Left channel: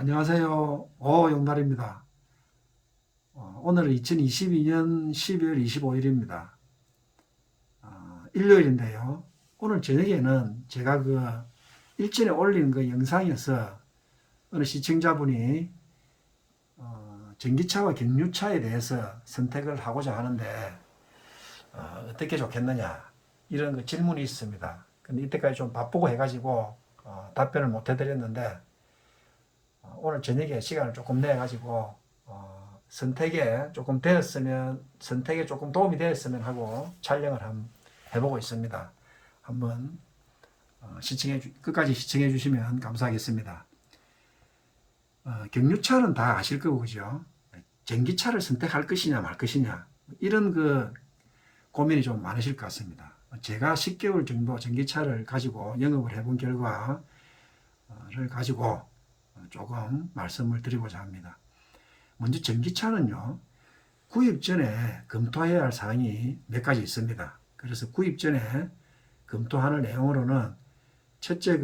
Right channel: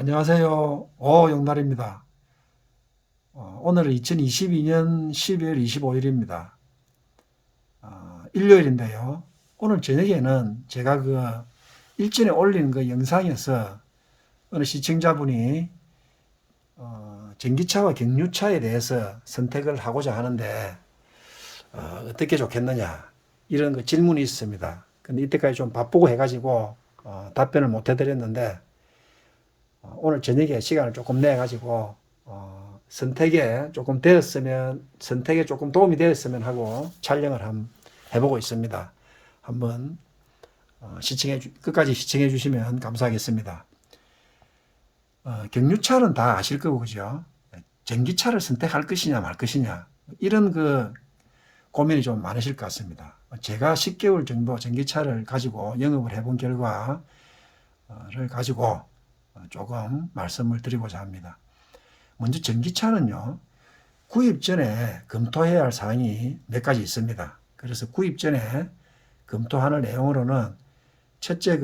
안녕하세요. 용달입니다. 오늘은 2022년 12월 25일입니다. 일요일인데요. 오늘 저녁에는 제가 일전에 올린 영상에서 어느 시청자분이 전기차와 경유차에 대해서 선택을 하고자 하는데 어떻게 좋겠느냐 이런 질문이 있습니다. 근데 이때까지 좀 바쁘고 해가지고 답변을 못 해드렸는데 오늘 저녁에 시간을 조금 내 가지고 선택에 조금 도움이 되었으면 하고 촬영을 한번 해보고 있습니다. 한번 끝까지 시청해 주시면 감사하겠습니다. 경유차는 다 아실 거고 그죠? 전기차를 선택할 것이냐 말 것이냐 이런 고민이 좀 많으실 것 같습니다. 제가 10개월 정도 전기차를 가지고 영업을 해본 결과를 가지고 조금 말씀을 드리고자 합니다. 먼저 전기차는요, 구입 전에 검토해야 할 사항이 몇 가지 있습니다. 그래서 구입 전에 검토하는 내용으로는 첫째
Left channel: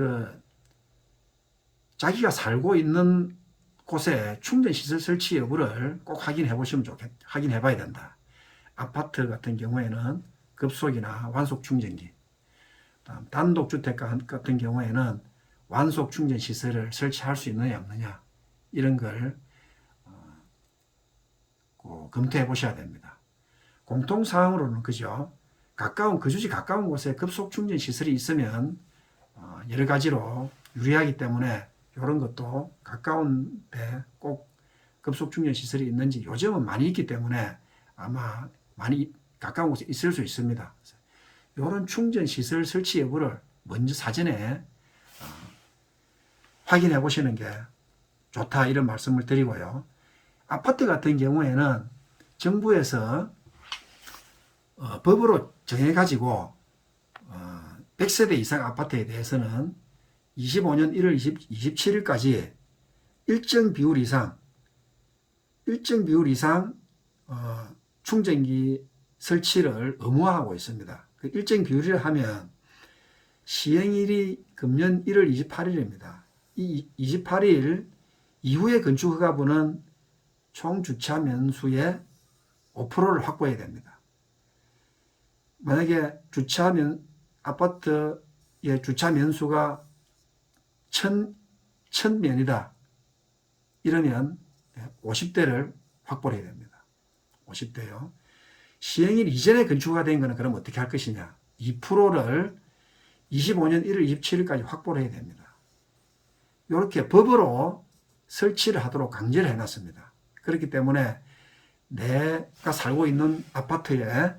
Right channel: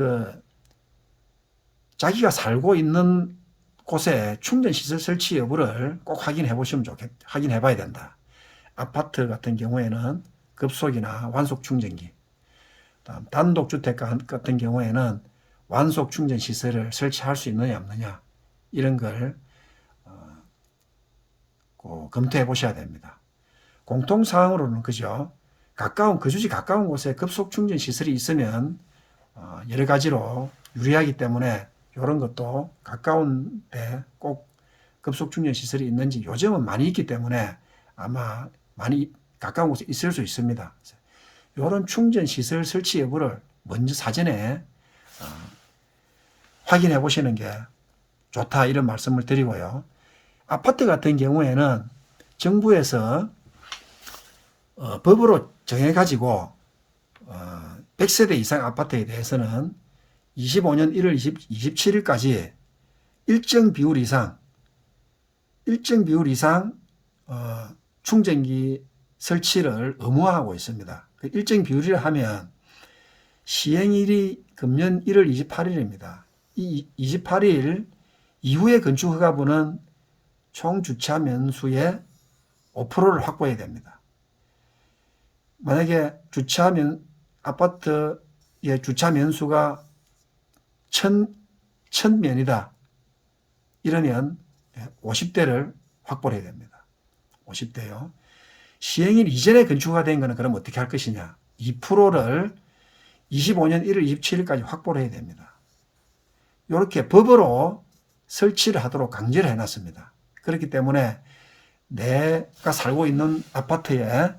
자기가 살고 있는 곳에 충전시설 설치 여부를 꼭 확인해 봐야 된다. 아파트 같은 경우에는 급속이나 완속 충전기, 단독주택 같은 경우에는 완속 충전 시설을 설치할 수 있느냐 없느냐 이런 걸 검토해 보셔야 됩니다. 공통사항으로는 그죠? 거주지 가까운 곳에 급속 충전 시설이 있으면 여러 가지로 유리하기 때문에 이런 것도 가까운 데 꼭 급속 충전 시설이 있는지 요즘은 많이 있기 때문에 아마 많이 가까운 곳에 있을 수 있습니다. 이런 충전 시설 설치 여부를 먼저 사전에 확인해 보시는 게 좋다 이런 말씀을 드리고요. 아파트 같은 경우에는 정부에서 법으로 정해가지고 100세대 이상 아파트에 대해서는 25년 1월 27일까지 일정 비율 이상 충전기 설치를 의무화하고 있습니다. 일정 비율이라 하면 시행일이 금년 1월 28일입니다. 이 28일 이후에 건축 허가부는 총 주차 면수의 5%를 확보해야 됩니다. 만약에 아파트의 주차 면수가 1000면이다. 이러면 50대를 확보해야 됩니다. 50대요. 시행일 이전에 건축가 된 거는 그럼 어떻게 할 것이냐. 2%를 25년 1월 27일까지 확보를 해야 됩니다. 이렇게 법으로 설치를 하도록 강제를 해놨습니다. 그렇기 때문에 내가 살고 있는 아파트에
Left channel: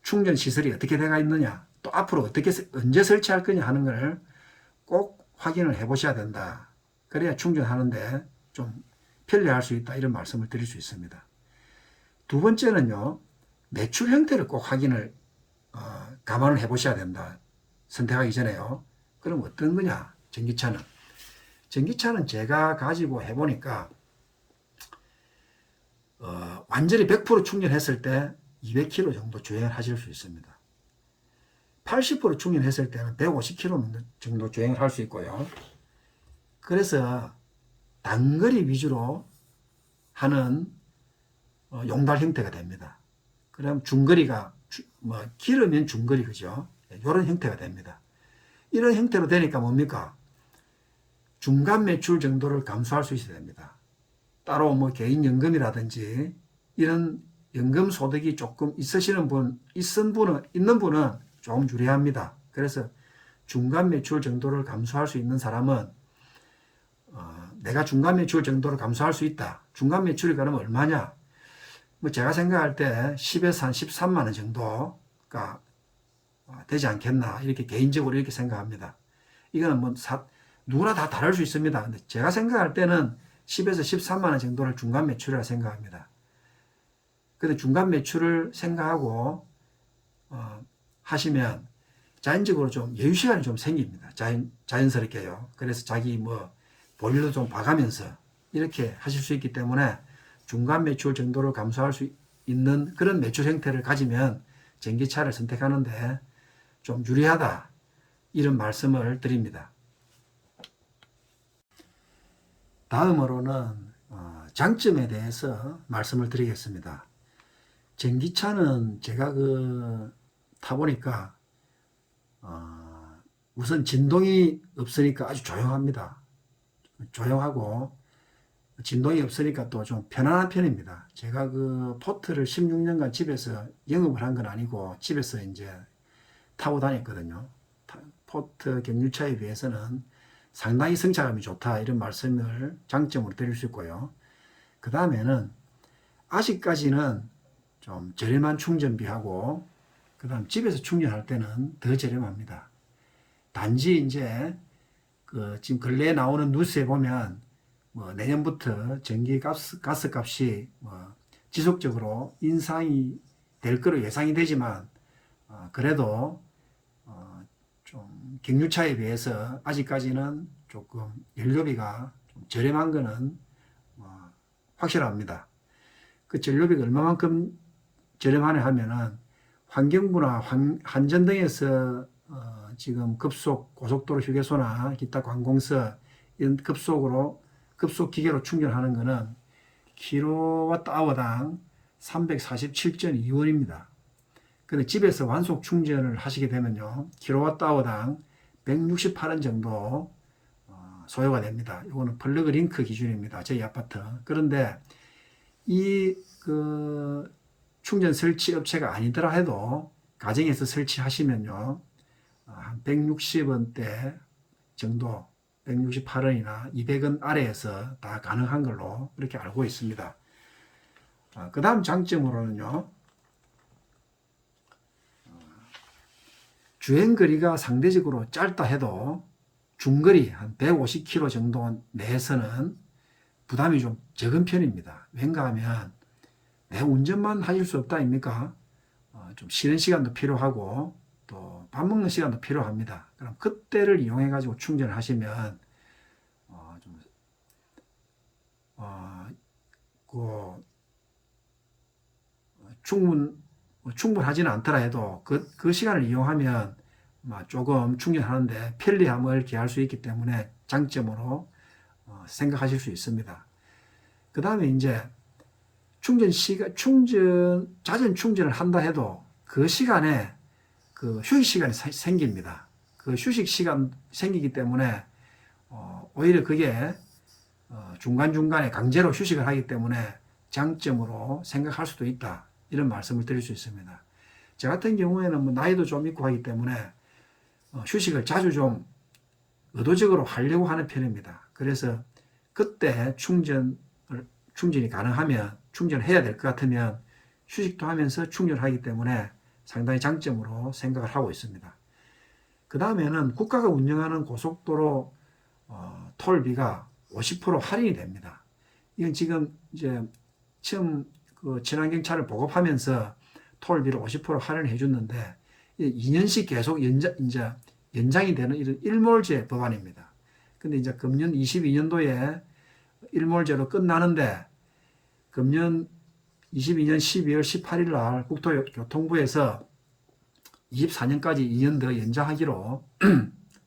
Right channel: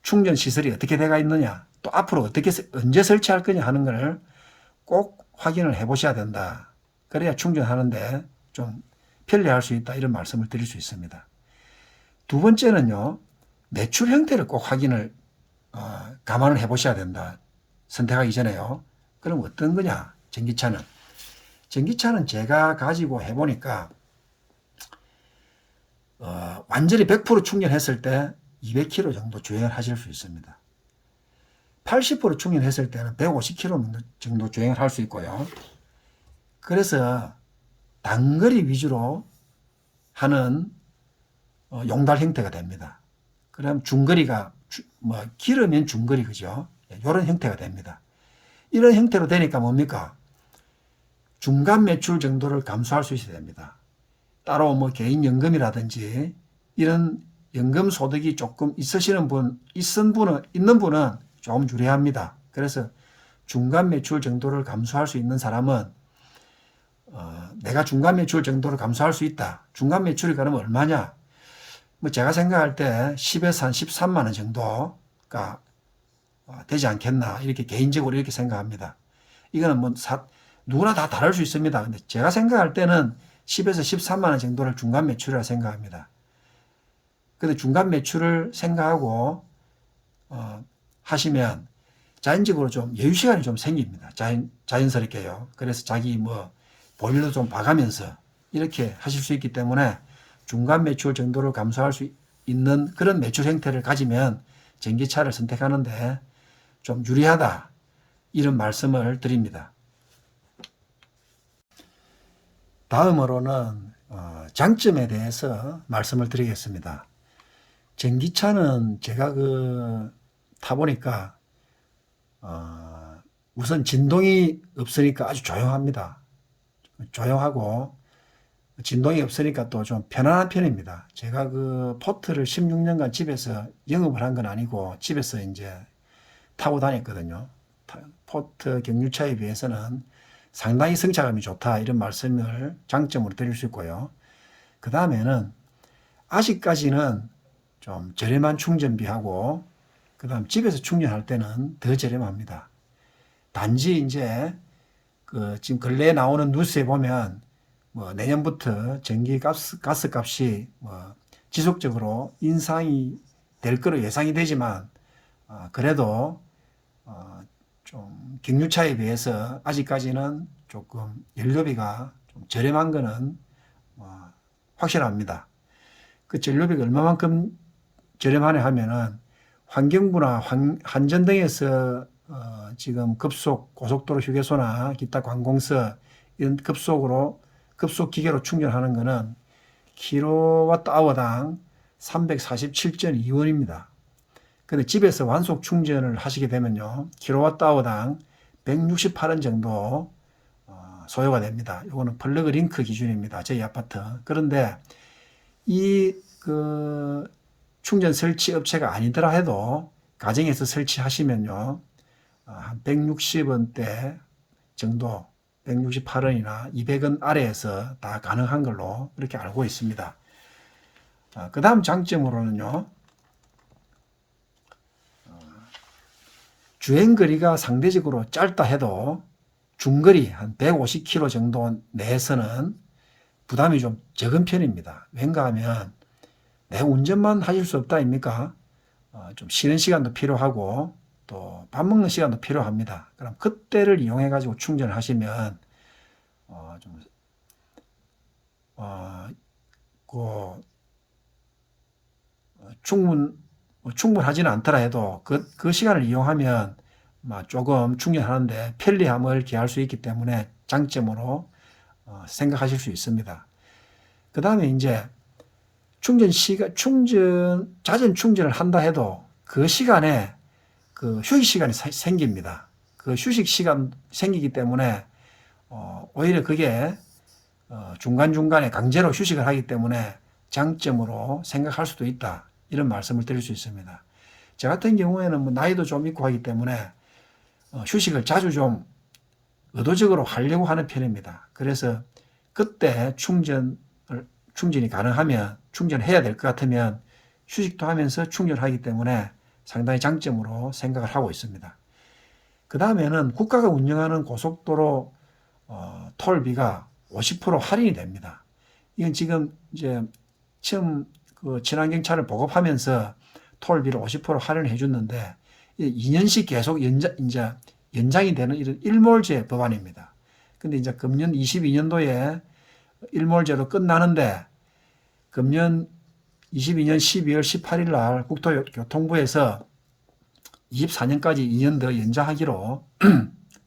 충전 시설이 어떻게 돼가 있느냐, 또 앞으로 언제 설치할 거냐 하는 것을 꼭 확인을 해 보셔야 된다. 그래야 충전하는데 좀 편리할 수 있다 이런 말씀을 드릴 수 있습니다. 두 번째는요, 매출 형태를 꼭 감안을 해 보셔야 된다. 선택하기 전에요. 그럼 어떤 거냐? 전기차는 제가 가지고 해보니까 완전히 100% 충전했을 때 200km 정도 주행을 하실 수 있습니다. 80% 충전했을 때는 150km 정도 주행을 할 수 있고요. 그래서 단거리 위주로 하는 용달 형태가 됩니다. 그럼 길으면 중거리 그죠? 이런 형태가 됩니다. 이런 형태로 되니까 뭡니까? 중간 매출 정도를 감수할 수 있어야 됩니다. 따로 개인연금이라든지 이런 연금 소득이 조금 있는 분은 조금 유리합니다. 그래서 중간 매출 정도를 감수할 수 있는 사람은 내가 중간 매출 정도를 감수할 수 있다. 중간 매출이 그러면 얼마냐? 제가 생각할 때 10에서 한 13만 원 정도가 되지 않겠나 이렇게 개인적으로 이렇게 생각합니다. 이거는 누구나 다 다를 수 있습니다. 근데 제가 생각할 때는 10에서 13만 원 정도를 중간 매출이라 생각합니다. 근데 중간 매출을 생각하고 하시면 자연적으로 좀 여유 시간이 좀 생깁니다. 자연스럽게요. 그래서 자기 볼일도 좀 봐가면서 이렇게 하실 수 있기 때문에 중간 매출 정도를 감수할 수 있는 그런 매출 형태를 가지면 전기차를 선택하는데 좀 유리하다 이런 말씀을 드립니다. 다음으로는 장점에 대해서 말씀을 드리겠습니다. 전기차는 제가 타보니까 우선 진동이 없으니까 아주 조용합니다. 조용하고 진동이 없으니까 또 좀 편안한 편입니다. 제가 포트를 16년간 집에서 영업을 한 건 아니고 집에서 이제 타고 다녔거든요. 포트 경유차에 비해서는 상당히 승차감이 좋다, 이런 말씀을 장점으로 드릴 수 있고요. 그 다음에는 아직까지는 좀 저렴한 충전비하고, 그 다음 집에서 충전할 때는 더 저렴합니다. 단지 이제 지금 근래에 나오는 뉴스에 보면 내년부터 전기 가스 값이 지속적으로 인상이 될 거로 예상이 되지만, 그래도 좀 경유차에 비해서 아직까지는 조금 연료비가 좀 저렴한 거는 확실합니다. 그 전료비가 얼마만큼 저렴하냐 하면은 환경부나 한전등에서 지금 고속도로 휴게소나 기타 관공서 이런 급속 기계로 충전하는 거는 킬로와트아워당 347.2원입니다. 근데 집에서 완속 충전을 하시게 되면요, 킬로와트아워당 168원 정도 소요가 됩니다. 이거는 플러그 링크 기준입니다. 저희 아파트. 그런데 이 충전 설치 업체가 아니더라 해도 가정에서 설치하시면요, 한 160원대 정도, 168원이나 200원 아래에서 다 가능한 걸로 그렇게 알고 있습니다. 그 다음 장점으로는요, 주행거리가 상대적으로 짧다 해도 중거리 한 150km 정도 내에서는 부담이 좀 적은 편입니다. 왠가 하면 내 운전만 하실 수 없다 아닙니까? 좀 쉬는 시간도 필요하고 또 밥 먹는 시간도 필요합니다. 그럼 그때를 이용해 가지고 충전을 하시면 충분하지는 않더라 해도 그 시간을 이용하면 조금 충전하는데 편리함을 기할 수 있기 때문에 장점으로 생각하실 수 있습니다. 그 다음에 이제 잦은 충전을 한다 해도 그 시간에 휴식 시간이 생깁니다. 그 휴식 시간 생기기 때문에 오히려 그게 중간중간에 강제로 휴식을 하기 때문에 장점으로 생각할 수도 있다, 이런 말씀을 드릴 수 있습니다. 저 같은 경우에는 나이도 좀 있고 하기 때문에 휴식을 자주 좀 의도적으로 하려고 하는 편입니다. 그래서 그때 충전이 가능하면, 충전해야 될 것 같으면 휴식도 하면서 충전하기 때문에 상당히 장점으로 생각을 하고 있습니다. 그 다음에는 국가가 운영하는 고속도로 톨비가 50% 할인이 됩니다. 이건 지금 이제 처음 친환경차를 보급하면서 톨비를 50% 할인을 해줬는데 2년씩 계속 연장이 되는 이런 일몰제 법안입니다. 근데 이제 금년 22년도에 일몰제로 끝나는데 금년 22년 12월 18일 날 국토교통부에서 24년까지 2년 더 연장하기로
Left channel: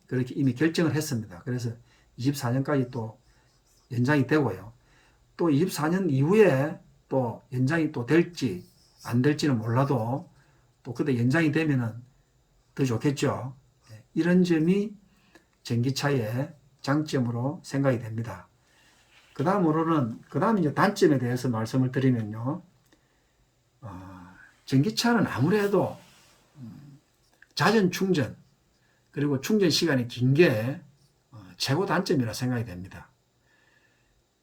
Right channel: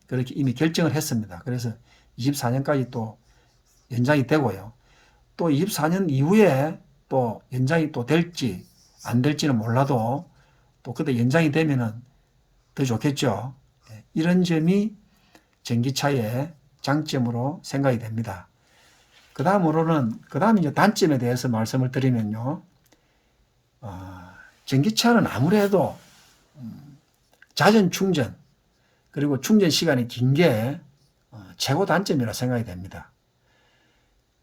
그렇게 이미 결정을 했습니다. 그래서 24년까지 또 연장이 되고요. 또 24년 이후에 또 연장이 또 될지 안 될지는 몰라도 또 그때 연장이 되면은 더 좋겠죠. 이런 점이 전기차의 장점으로 생각이 됩니다. 그 다음 이제 단점에 대해서 말씀을 드리면요, 전기차는 아무래도 잦은 충전, 그리고 충전 시간이 긴 게 최고 단점이라 생각이 됩니다.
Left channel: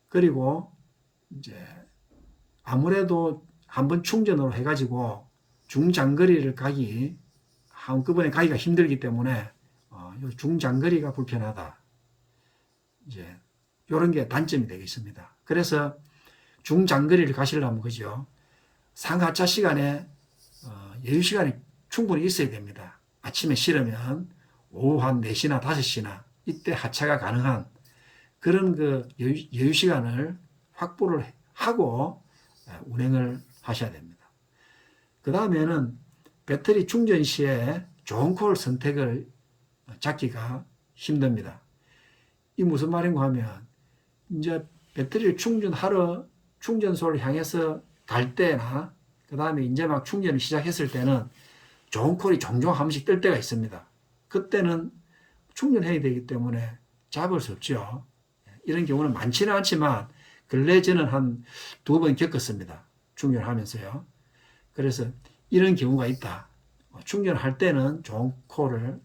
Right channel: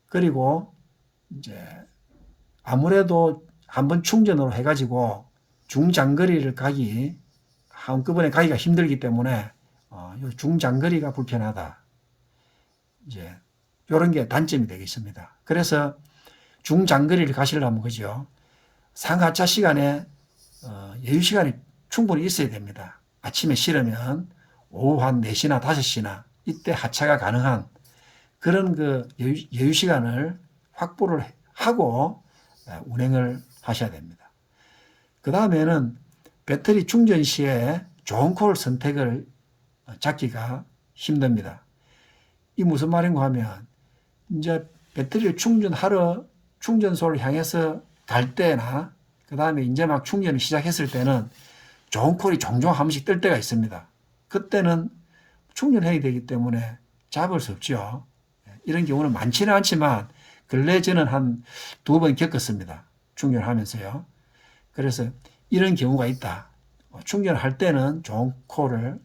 그리고 이제 아무래도 한번 충전으로 해가지고 중장거리를 한꺼번에 가기가 힘들기 때문에 중장거리가 불편하다, 이제 이런 게 단점이 되겠습니다. 그래서 중장거리를 가시려면 그죠, 상하차 시간에 여유 시간이 충분히 있어야 됩니다. 아침에 실으면 오후 한 4시나 5시나 이때 하차가 가능한 그런 여유 시간을 확보를 하고 운행을 하셔야 됩니다. 그 다음에는 배터리 충전 시에 좋은 콜 선택을 잡기가 힘듭니다. 이 무슨 말인가 하면 이제 배터리를 충전하러 충전소를 향해서 갈 때나 그 다음에 이제 막 충전을 시작했을 때는 좋은 콜이 종종 한 번씩 뜰 때가 있습니다. 그때는 충전해야 되기 때문에 잡을 수 없죠. 이런 경우는 많지는 않지만 근래 저는 한 2번 겪었습니다. 충전하면서요. 그래서 이런 경우가 있다. 충전할 때는 좋은 콜을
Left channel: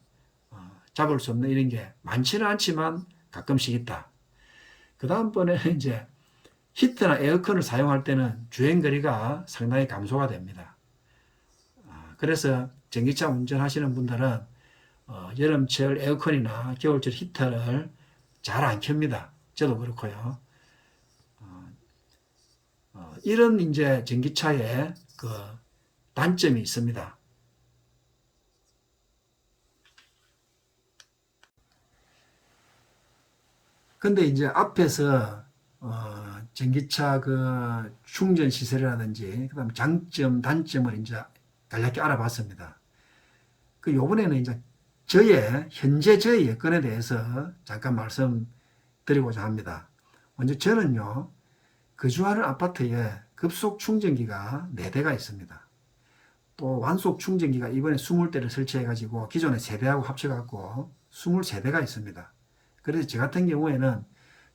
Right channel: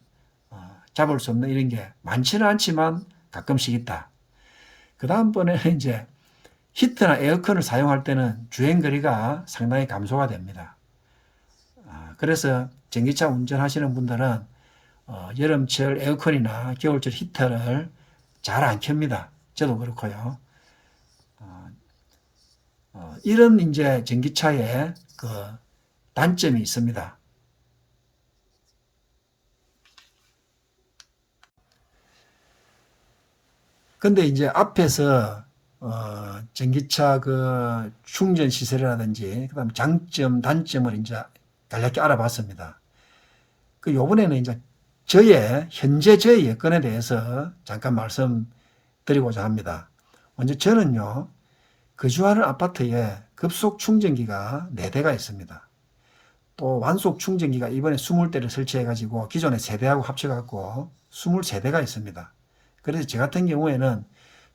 잡을 수 없는 이런 게 많지는 않지만 가끔씩 있다. 그 다음번에 이제 히터나 에어컨을 사용할 때는 주행거리가 상당히 감소가 됩니다. 그래서 전기차 운전하시는 분들은 여름철 에어컨이나 겨울철 히터를 잘 안 켭니다. 저도 그렇고요. 이런 이제 전기차의 그 단점이 있습니다. 근데 이제 앞에서 전기차 그 충전 시설이라든지 그다음 장점, 단점을 이제 간략히 알아봤습니다. 그 요번에는 이제 현재 저의 여건에 대해서 잠깐 말씀드리고자 합니다. 먼저 저는요, 거주하는 아파트에 급속 충전기가 4대가 있습니다. 또 완속 충전기가 이번에 20대를 설치해가지고 기존의 3대하고 합쳐갖고 23대가 있습니다. 그래서 저 같은 경우에는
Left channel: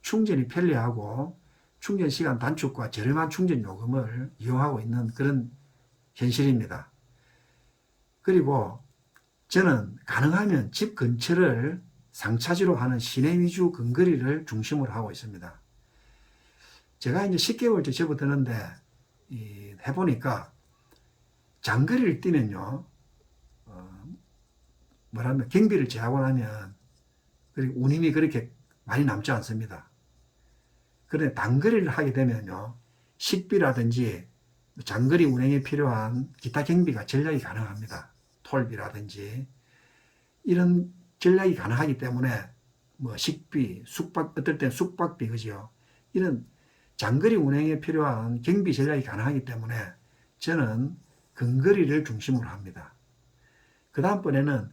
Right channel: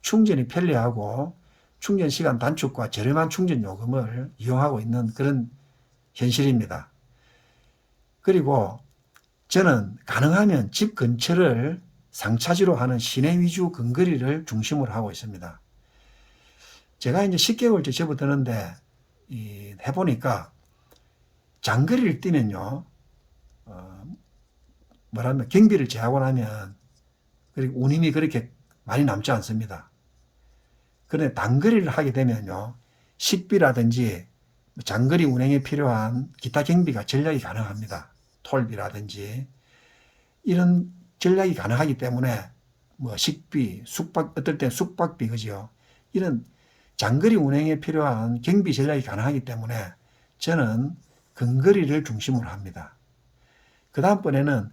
충전이 편리하고 충전 시간 단축과 저렴한 충전 요금을 이용하고 있는 그런 현실입니다. 그리고 저는 가능하면 집 근처를 상차지로 하는 시내 위주 근거리를 중심으로 하고 있습니다. 제가 이제 10개월째 접어드는데 해보니까 장거리를 뛰면요, 뭐라면 경비를 제하고 나면 그리고 운임이 그렇게 많이 남지 않습니다. 그런데 단거리를 하게 되면요, 식비라든지 장거리 운행에 필요한 기타 경비가 전략이 가능합니다. 톨비라든지 이런 전략이 가능하기 때문에 뭐 식비, 숙박, 어떨 땐 숙박비, 그죠? 이런 장거리 운행에 필요한 경비 전략이 가능하기 때문에 저는 근거리를 중심으로 합니다. 그 다음번에는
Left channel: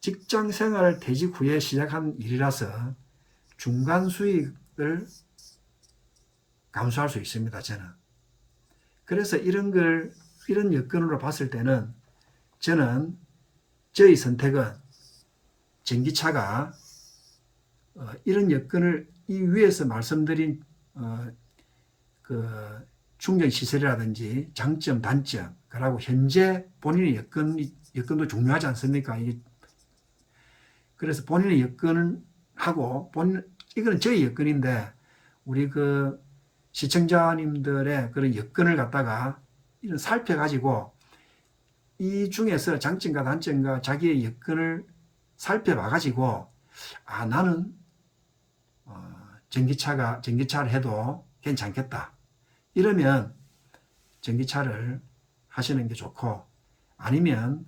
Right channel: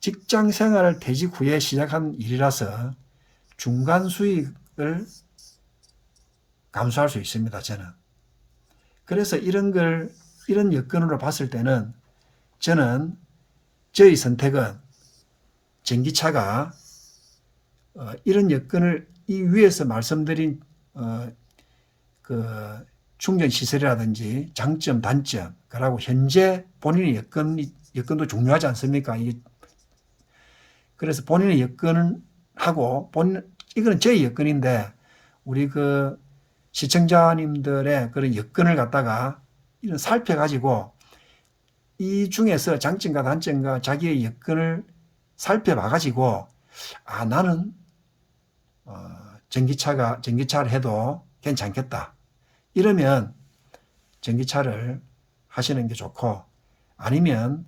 직장 생활을 퇴직 후에 시작한 일이라서 중간 수익을 감수할 수 있습니다, 저는. 그래서 이런 여건으로 봤을 때는 저는 저의 선택은 전기차가 이런 여건을 이 위에서 말씀드린 그 충전 시설이라든지 장점, 단점, 그리고 현재 본인의 여건도 중요하지 않습니까? 그래서 본인의 여건을 하고 이거는 저의 여건인데 우리 그 시청자님들의 그런 여건을 갖다가 이런 살펴가지고 이 중에서 장점과 단점과 자기의 여건을 살펴봐가지고 나는 전기차를 해도 괜찮겠다. 이러면 전기차를 하시는 게 좋고 아니면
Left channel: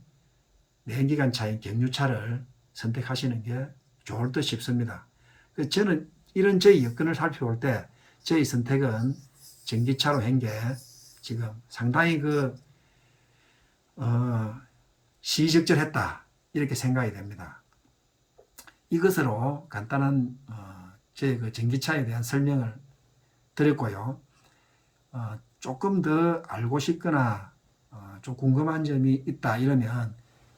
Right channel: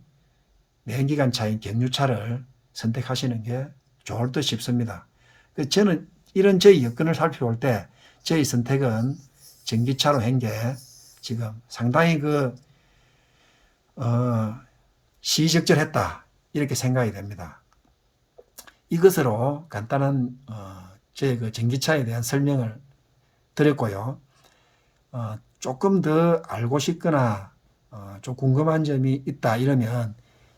내연기관 차인 경유차를 선택하시는 게 좋을 듯 싶습니다. 저는 이런 저의 여건을 살펴볼 때 저의 선택은 전기차로 한 게 지금 상당히 시의적절했다 이렇게 생각이 됩니다. 이것으로 간단한 제 그 전기차에 대한 설명을 드렸고요. 조금 더 알고 싶거나 좀 궁금한 점이 있다 이러면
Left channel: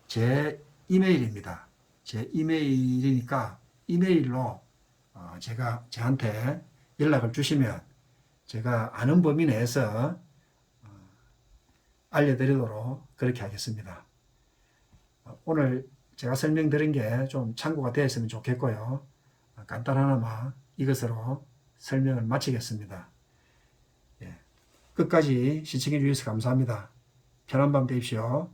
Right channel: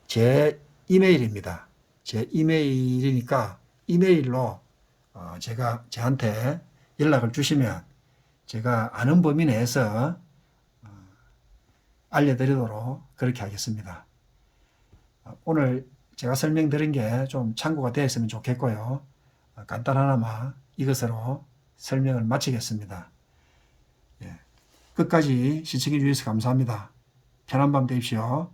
제 이메일입니다. 제 이메일이니까 이메일로 저한테 연락을 주시면 제가 아는 범위 내에서 알려드리도록 그렇게 하겠습니다. 오늘 제가 설명드린 게 좀 참고가 되었으면 좋겠고요. 간단하나마 이것으로 설명을 마치겠습니다. 끝까지 시청해 주셔서 감사합니다. 편한 밤 되십시오.